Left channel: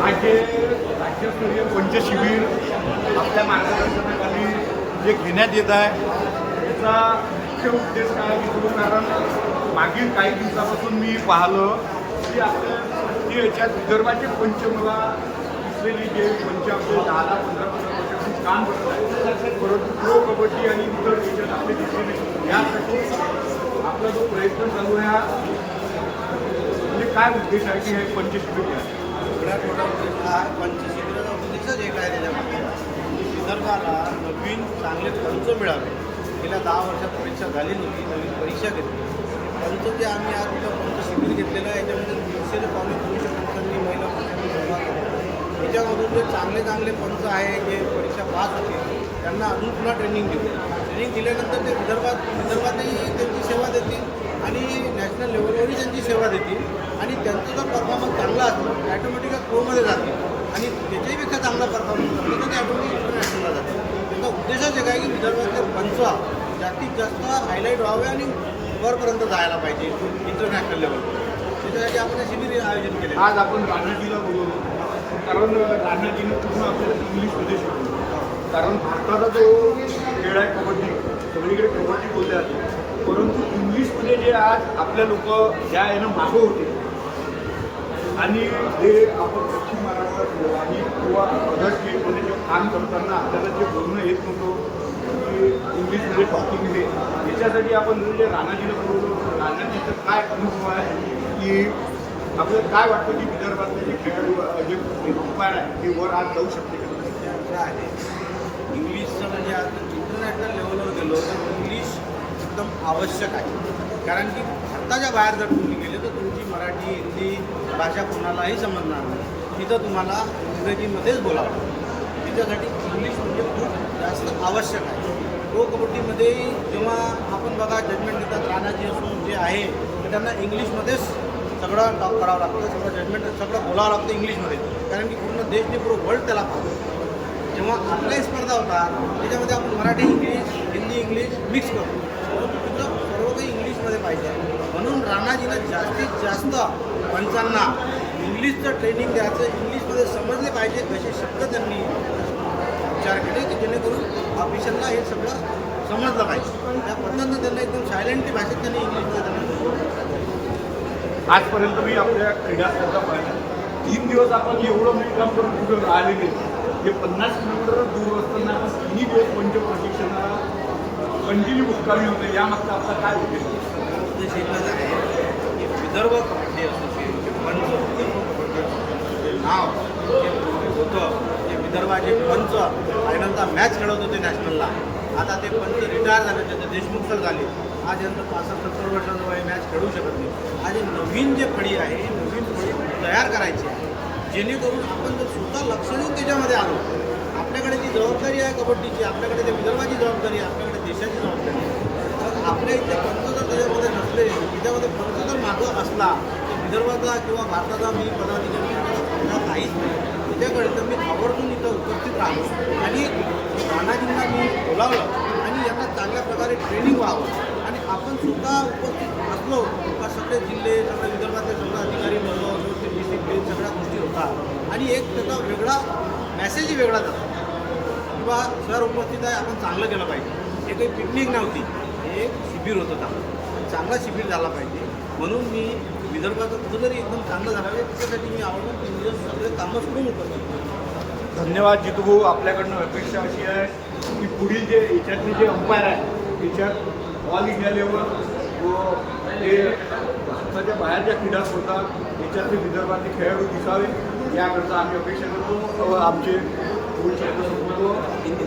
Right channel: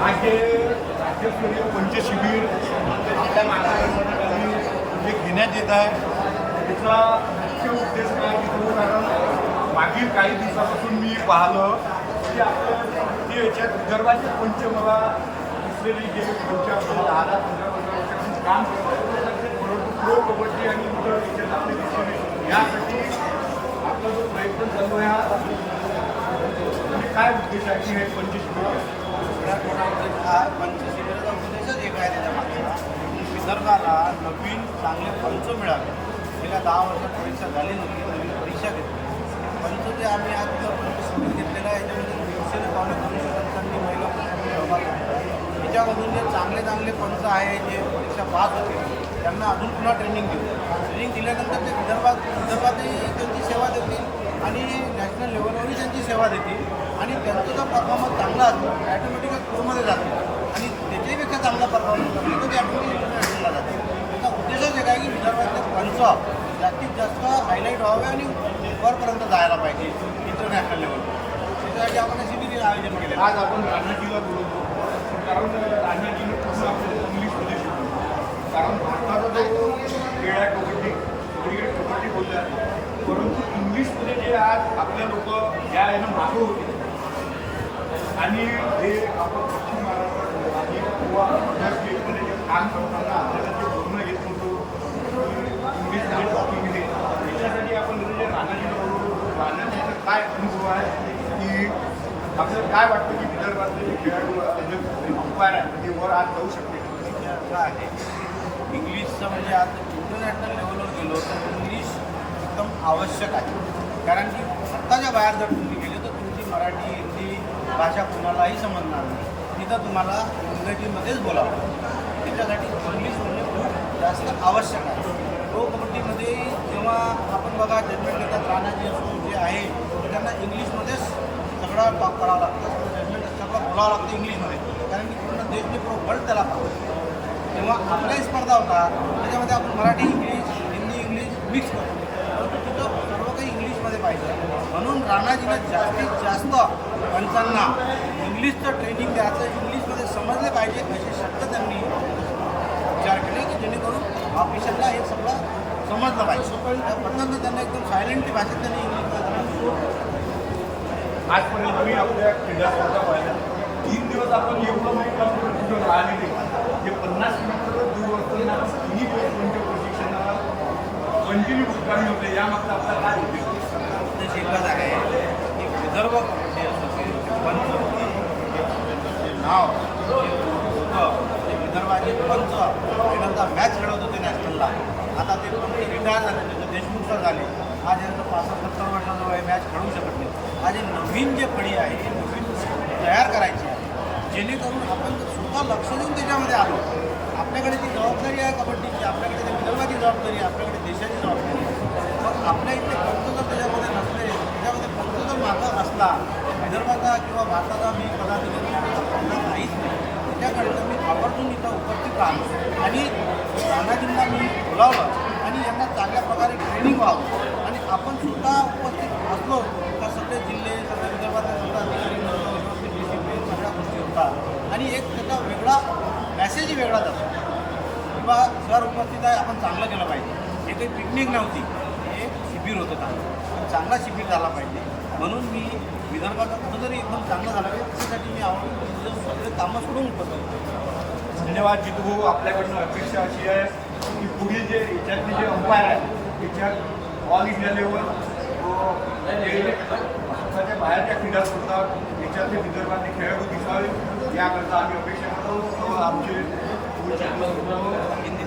आज हे राज्यस्तरीय पंच शिबिर आपल्या मार्गदर्शनाखाली जे घेण्यात येत आहे त्याचा मुख्य उद्देश काय असतो, कारण मागील काही दिवसापासून मी पाहिलं की आपल्या भारतीय याच्यात विदर्भाचे पंच मला दिसलेले जे पंच आपले 10-15 वर्षापासून काम करतात, परंतु प्रो कबड्डी आणि इतर याच्यात आपले दिसलेले यासाठी आपला जो प्रयत्न चालू आहे म्हणजे काय उद्देश आहे की हे पंच शिबिर सगळ्यात मोठा उद्देश हा पंचशिबिराचा उद्देशच एक आहे त्याच्या मागचा की विदर्भाला नवीन चांगले पंच मिळावे. गेल्या 10 वर्षात परीक्षा झाली नव्हती, नवीन परीक्षा घेतली. पंच जे आम्ही आज इथं पंच शिबिर घेतलेलं आहे याच्यामध्ये 150 ते 250 पंचांनी महिला पुरुषांनी सहभाग घेतलेला आहे. याच्यामधून जे चांगले चांगले पंच आहे जे परीक्षा पास होतील त्यांना अजून पुन्हा ट्रेनिंग देऊ. ट्रेनिंग दिल्यानंतर ते विदर्भातही त्यांची सेवा देतील आणि नॅशनल लेवलवरही त्यांची सेवा देतील आणि त्यांचं जर परफॉर्मन्स चांगला असला तर ॲटोमॅटिकली प्रोमध्ये जातील आणि त्याच्याहीपेक्षा चांगला परफॉर्मन्स असला तर ते ऑटोमॅटिक इंटरनॅशनलला जातील. त्याचा उद्देशच एक आहे की विदर्भातले पंच जास्तीत जास्त हायलाईट व्हावे आणि वरपर्यंत जायला पाहिजे इंटरनॅशनल लेवलवर. त्याच्यासाठी आपण हे शिबिर आयोजन केले. आज आपण राणाजीला बोलवलो कारण राणाजीने पूर्ण आपल्याला इंग्लिशमध्ये शिकवलं, कारण भारताचा जो खेळ आहे कबड्डी सगळीकडे कबड्डी बोलले जाते, परंतु इंग्लिशमध्ये जे आज आपले लोक ज्या यानं मागं होते आणि हे आपण पश्चिम महाराष्ट्रात आणि किंवा अदर स्टेटमध्ये जे काम करताना आपल्याला जे बोलणं येत नव्हतं की इंग्लिशमध्ये टॉकिंग हे याच्यासाठी आपण जे राणाजीला बोलवलं. राणाजीचं काय अनुभव आहे की आपल्याला काय वाटतं की विदर्भातले जे खेळाडू जे अंपायर आहे ते वर आज जाऊ शकते का? असं आहे इंग्लिशचं म्हणजे आज इंटरनॅशनल लेवलवर गेलो तर इंग्लिश एकदम आवश्यक आहे. कारण की भारताच्या बाहेर जर तुम्ही गेले तर तुमची मराठी हिंदी भाषा कोणालाही समजणार नाही. तिथं तुम्हाला इंग्रजीमध्येच बोलावं लागतं. त्याच्यासाठी इंग्लिश म्हणजे खूप जास्त आवश्यक आहे. प्रो कबड्डीमध्ये जेव्हा आपण बघा जजमेंट देतात राणाजी असो जे आहे तर त्यांना इंग्लिशमध्येच सगळं टॉक करावं लागतं, सगळं जजमेंट सगळं बोलावं लागतं इंग्लिशमध्ये. कारण की पूर्ण देशने पूर्ण वर्ल्ड त्याला पाहतो. जेव्हा आपल्याही स्पर्धा होतात त्याच्यामध्ये आपण Marathi English Hindi English mix करतो, परंतु तिथं सर्व काही इंग्लिशमध्ये पाहिजे आहे. म्हणून राणाजीनं जास्तीत जास्त पंचांना इंग्लिशचं ट्रेनिंग द्यायचं, इंग्लिशमध्ये समजले पाहिजे असे शब्द त्यांनी विचार केले की जेणेकरून ऑफिशियलला हे सगळं समजलं पाहिजे. त्या पद्धतीनं त्यांना एकदम सायलेंटली भाषेत त्यांनी इंग्लिशमध्ये त्यांना समजवलं. आजपर्यंत मी आपल्या क्रीडा स्पर्धा पाहिल्या 3 दिवस आपण एवढं मुक्काम करून कुठं राहिलेले जे 50 किलोमीटर दूर असताना आपण 3 दिवस पंच प्रशिक्षणाला कंटिन्यू मुक्कामी होते. यामागचा आपला काय उद्देश एकच आहे की विदर्भ कबड्डी असोसिएशनचे पंच, विदर्भ कबड्डी असोसिएशनचं जे नाव जे पूर्वी होतं ते विदर्भाचे पंच पहिल्यांदा मॅच खेळत होते नॅशनलला. आता ते पंच रिटायर झाले, त्याचे देशमुख सर झाले. आज यांचं 65-70 वर्षाचं वय मॅच खेळू शकत नाही. आज हे नवीन जे फळी आहे नवीन फळी तयार करायची आहे जेणेकरून आपण जर स्वतः लक्ष देऊन त्याच्यामध्ये आलो. आपल्याकडे ती जबाबदारी आहे कबड्डीची, आपल्याकडे ते विदर्भाची जबाबदारी आहे, आपल्याकडे देशाची जबाबदारी आहे. मग आपल्या इथले पंच जर त्याच्यामध्ये नसले, त्याच्यामध्ये पंच जर मागं असला तर विदर्भाचा किंवा भारताचा मी पदाधिकारी फायदा काहीच नाही. त्याच्याकडे तर मी आवर्जून इथं उपस्थित राहलो आणि राणाजींना मी बोलावलं आणि यांना चांगल्या प्रकारे ट्रेनिंग व्हावं आणि आपण स्वतः उपस्थित असलो का सगळे जिल्हे सगळ्या विदर्भातले सगळे अधिकारी लोक व्यवस्थित डिसिप्लिन सगळ्या गोष्टी होतात आणि एक त्याचा वेगळा मॅसेजही वेगळा जातो की बा सर उपस्थित आहे, आपण चांगलं केलं पाहिजे. हे काही पिकनिक नव्हती, हे एक शिबिर होतं चांगलं आणि चांगला शिबिर झाला पाहिजे. म्हणून मी विदर्भाचं कुठंतरी एकदम चांगलं झालं पाहिजे त्याच्यासाठी मी आवडून 3 दिवस सगळे कामं सोडून उपस्थित. धन्यवाद जितू भाऊ. आपल्याकडनं अपेक्षा अशी आहे की पुढील जे याच्यातले जे अंपायर आहे त्याच्यात ऑल इंडिया लेवल व जे भारताच्या बाहेरच्या क्रीडा स्पर्धा याच्यातले विदर्भातले खेळाडू दिसावे याकरता आम्ही अपेक्षा करतो व आमचे दोन शब्द संपवतो.